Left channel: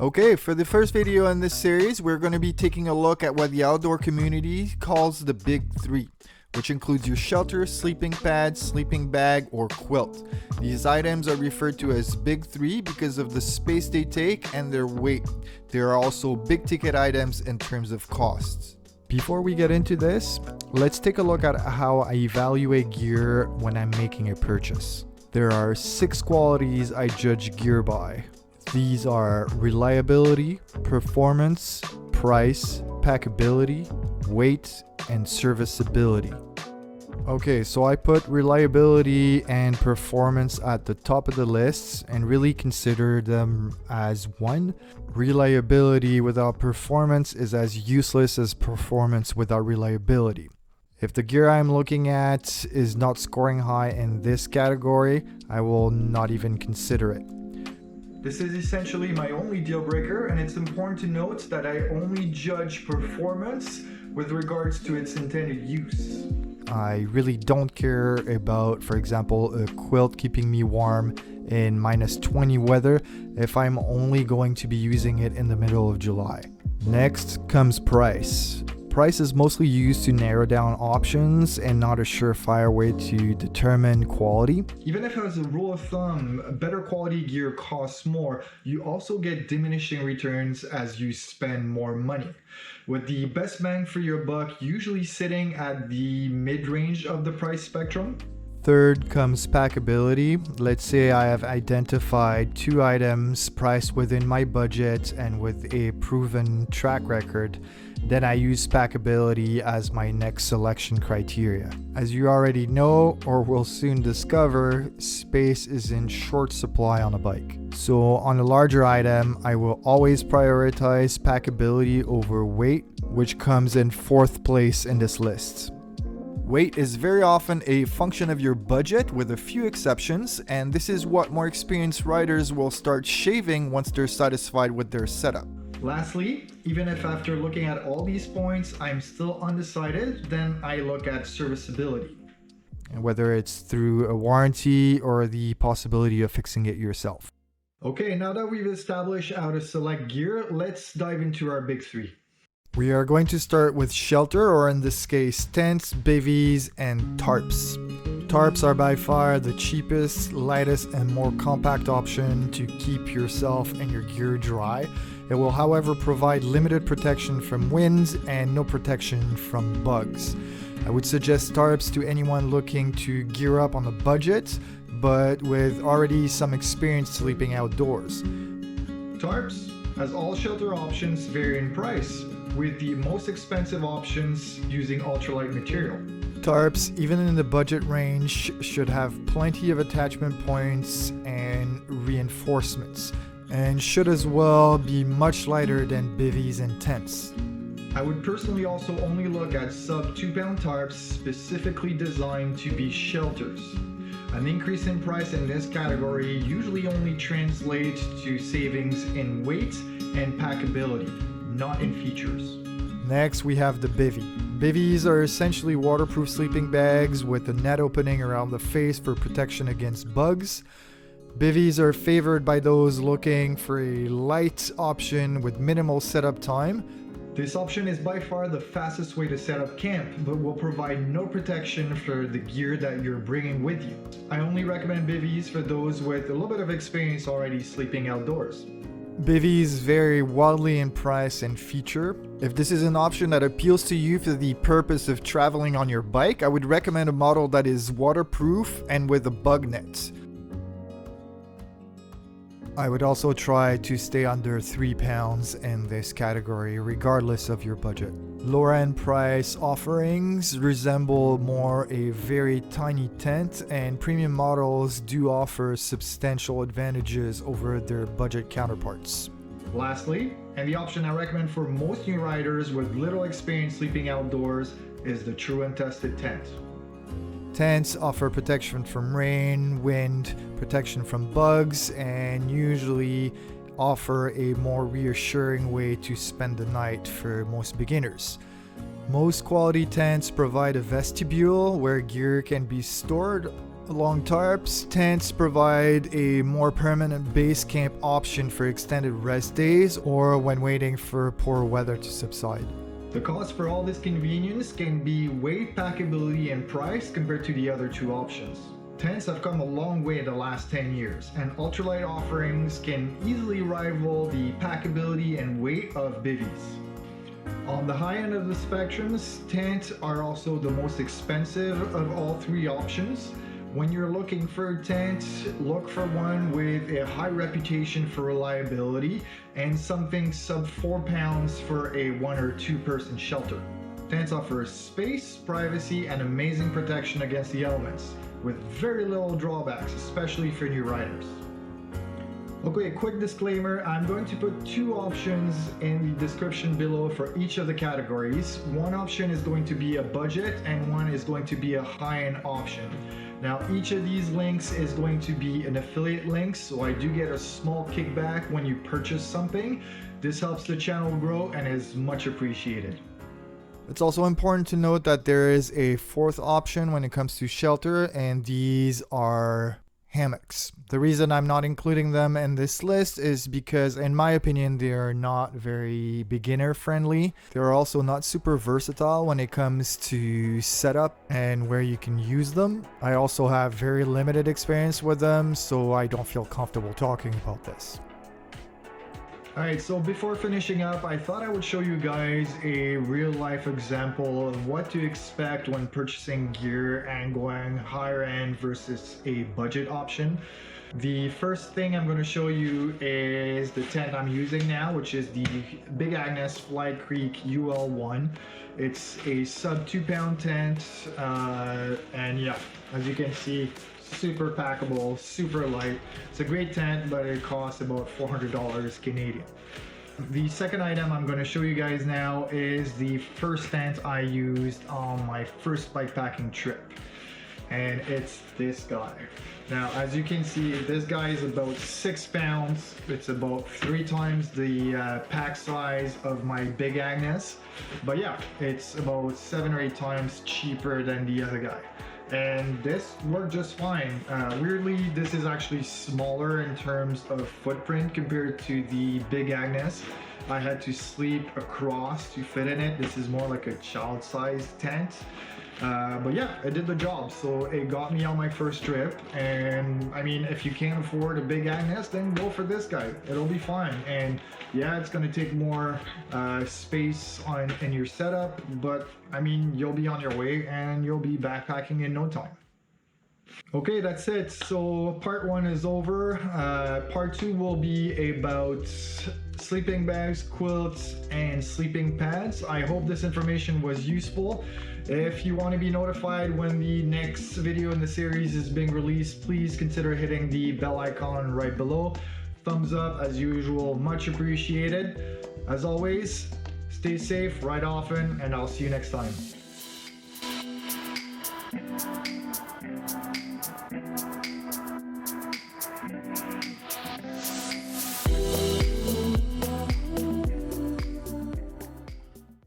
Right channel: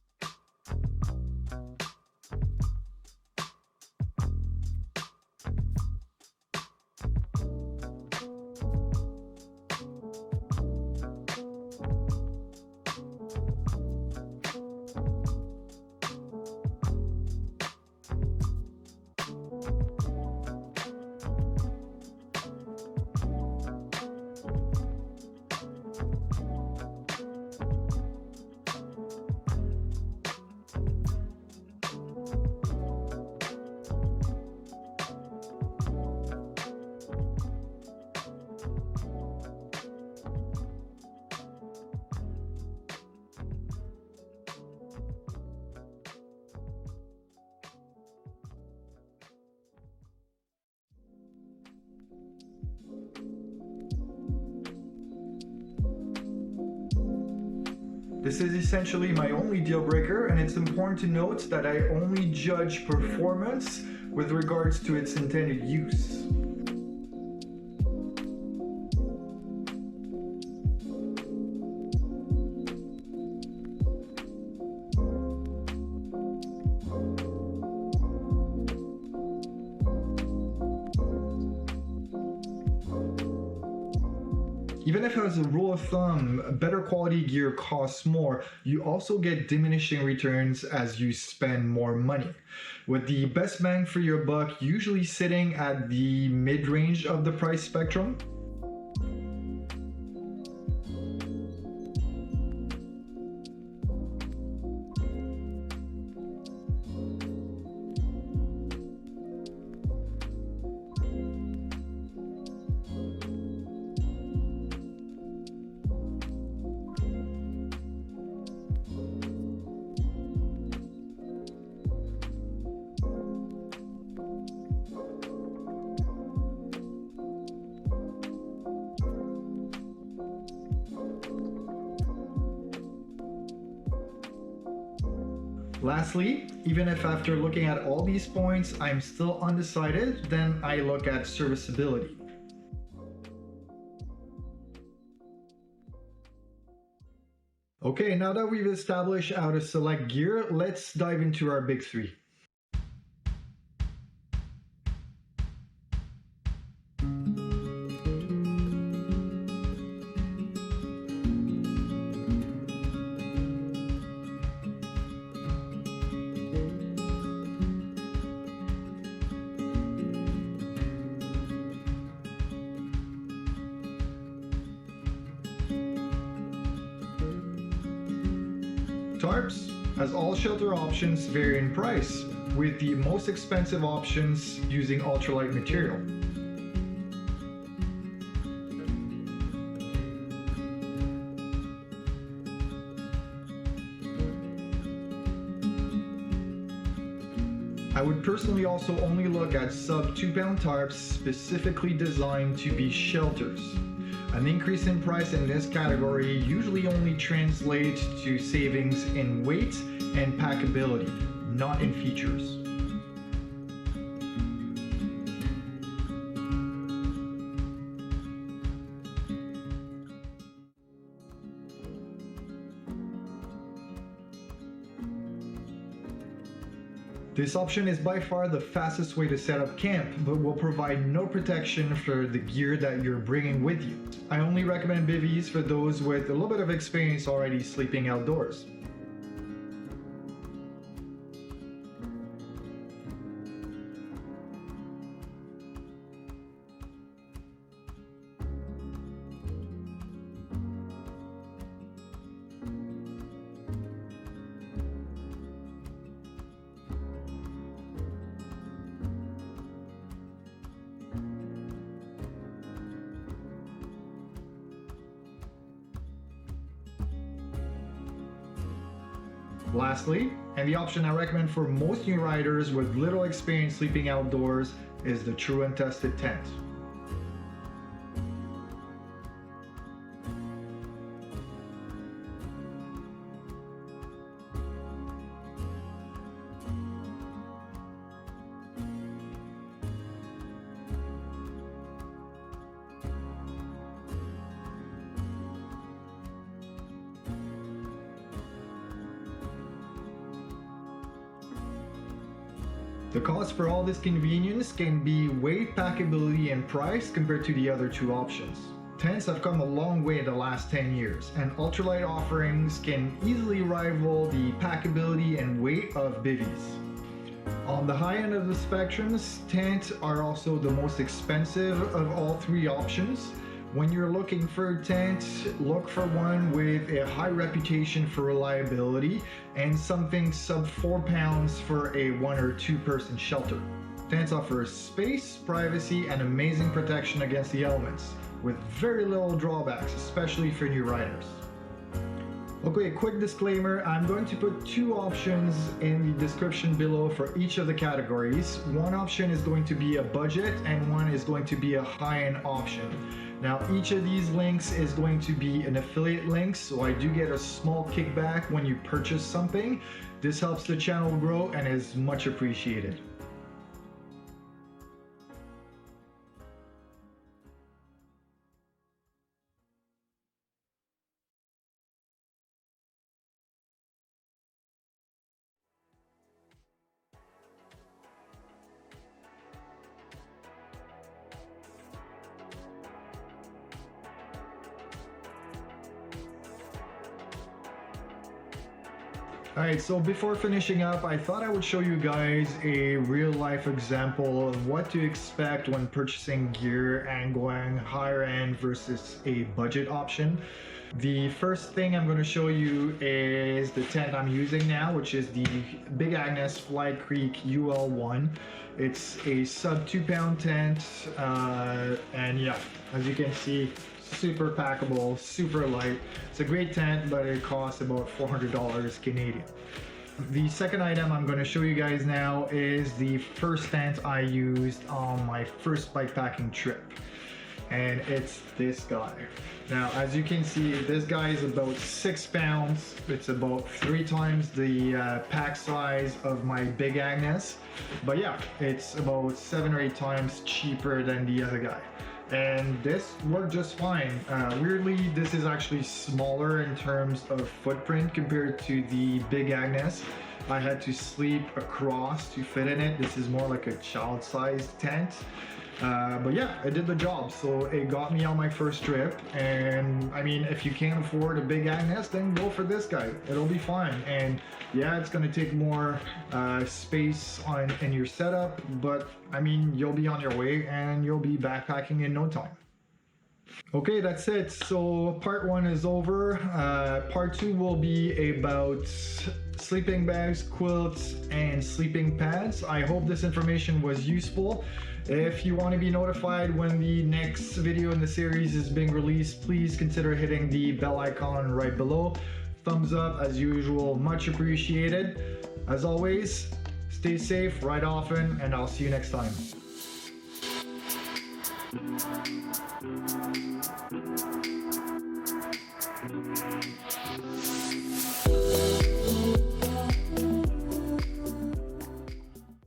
Okay, for the first video in this series, we're going to be taking a look at what the outdoor community calls the Big Three, which includes your shelter, sleeping pad, sleeping bag, or quilt. These items are referred to as Big Three because of the space they take and their weight. They are also big ticket items in terms of costs. Before we get into this, let's take a look at how I evaluate gear when I'm making a purchase. There are 6 qualities I judge gear by. These are reliability, performance, price, packability, weight, and serviceability. Okay, so I put reliability and performance at the top of the list and really consider them as one. Reliability without performance is as useless as performance without reliability. If the gear I'm looking at is not scoring high in this category, I will not even consider it. This is essentially my only deal breaker, and it's important to note that I only judge performance with regards to its intended use. I really don't care about, for example, a quilt keeping me warm in -20 weather if I'm only going to be using it in the middle of July. Next comes price. Price is mostly used to narrow down options and not a surefire way to determine quality. Even if as a rule of thumb, better quality gear costs more, you also get diminishing returns as you spend more money, with the best bang for your buck usually sitting at the mid-range of the price spectrum. Third comes packability. Let's say I have identified 2 items priced within my budget and with a proven track record. Then I use packability as my next selection criteria. As you already know or will soon discover, space is in short supply on a bike. So on a larger item, I will always prioritize packability over weight, which comes in 4th place in this list. Weight is very often a function of your budget with a few exceptions, and this is what more experienced riders will start shaving once they're satisfied with their setup. Lastly, even if after looking at all these points I'm still undecided, then I look at serviceability. And whether it's through a warranty or the possibility of fixing it yourself. Okay, now that we've established how to select gear, let's dive into our Big Three. We are going to start with shelter, or in this case, tents, bivvies, and tarps. Tarps are by far the cheapest, lightest, and more compact option to keep yourself and your gear dry. It will, however, provide limited protection from winds and no protection from bugs. I would suggest tarps to anyone looking to gear up on a budget, but with already some experience sleeping outdoors. Tarps, as all shelter options, vary in price, with the most expensive options using ultralight material. Tarps, even in the budget range, should have plenty of attachment points and reinforcements, and should as well be much lighter than bivvies and tents. I would personally also only look at sub 2-pound tarps specifically designed to be shelters. An increase in price in this category usually only translates to savings in weight and packability, not in features. Next, we have the bivy. Bivvies are essentially waterproof sleeping bags with a net opening around the face for protection against bugs. Bivvies are favored by those looking for a light option with minimal setup time. This option is by far the fastest way to set up camp, but will provide no protection for the gear that you're bringing with you. I only recommend bivvies for those with a little bit of experience already sleeping outdoors. Bivvies vary wildly in price and feature. If this is an option that appeals to you for the purpose of traveling on your bike, I would recommend a model that is waterproof and with a bug net. I would also try to stay under 3 pounds in this category, regardless of your budget. Lower end price offerings resemble more a very tiny tent, and premium models do offer substantial advantages over their budget counterparts. Lastly, and the option I recommend for most new riders with little experience sleeping outdoors, is the true and tested tent. Tents offer protection from rain, wind, protection from bugs, and usually offer a more reassuring way to spend the night for most beginners. Most quality tents provide a vestibule where gear can be stored Along tarps, tents provide a more permanent base camp option for extended rest days or when waiting for poor weather to subside. The cost for all this convenience can be weight, packability, and price compared to the other two options. Tents have come a long way in the last 10 years, and ultralight offerings can easily rival the packability and weight of Bivys. On the high end of the spectrums, tents are also the most expensive of all three options. When you're looking for a tent, look for one with a high reputation for reliability and something sub 4 pounds for a 1 or 2 person shelter. Tents offer space, privacy, and amazing protection against the elements, with very little drawbacks, especially for new riders. Okay, quick disclaimer, I'm going to put two options in the description below for each of the categories. One option is going to be a budget and one is going to be a high-end option. Now, each of these links is going to be an affiliate link, so I do get a small kickback when you purchase something. This helps the channel grow and is much appreciated. It's also important to note that there is a fourth option when it comes to shelter, and these are hammocks. The reason I'm not including them in this list is because, in my opinion, they are not very beginner friendly. They're also not super versatile when it comes to setup and where you can use them. I also have very limited experience with them, so I don't feel comfortable talking about this. Alright, so before finishing up, I thought I would show you guys a real life example of what to expect when purchasing gear and going higher end versus a budget option. The first thing I'm going to show you is the tent I'm using now, which is the Big Agnes Fly Creek UL1. It's a sub 2 pound tent, and yeah, as you can see, super packable, super light. It's a great tent, but it costs about $400 Canadian. The second item I'm going to show you guys now is the first tent I used on my first bikepacking trip, and it's this guy. Now, as you can see, this guy is about 6 pounds. It's about 3 times the pack size of my Big Agnes, but yeah, it's about 7 or 8 times cheaper than the other guy. And this worked just fine. Weirdly, this is actually smaller in terms of footprint compared to the Big Agnes. I had to sleep across to fit in it. This is more like a child-sized tent. But yeah, it did the job. So it got me on my first trip. And I mean, if you can't afford a Big Agnes, then go for this guy. It'll be fine. And yeah, it's going to take more space in your setup, but I mean, you'll be on your way and you'll be backpacking in no time. Okay, that's it. So part 1 is over. Part 2 will be about sleeping bags, quilts, and sleeping pads. I hope this information was useful. If you want to be notified when the next video in the series is being released, please consider hitting the bell icon right below. Thumbs up as usual, much appreciated. As always, stay safe, ride often, and I'll see you next time.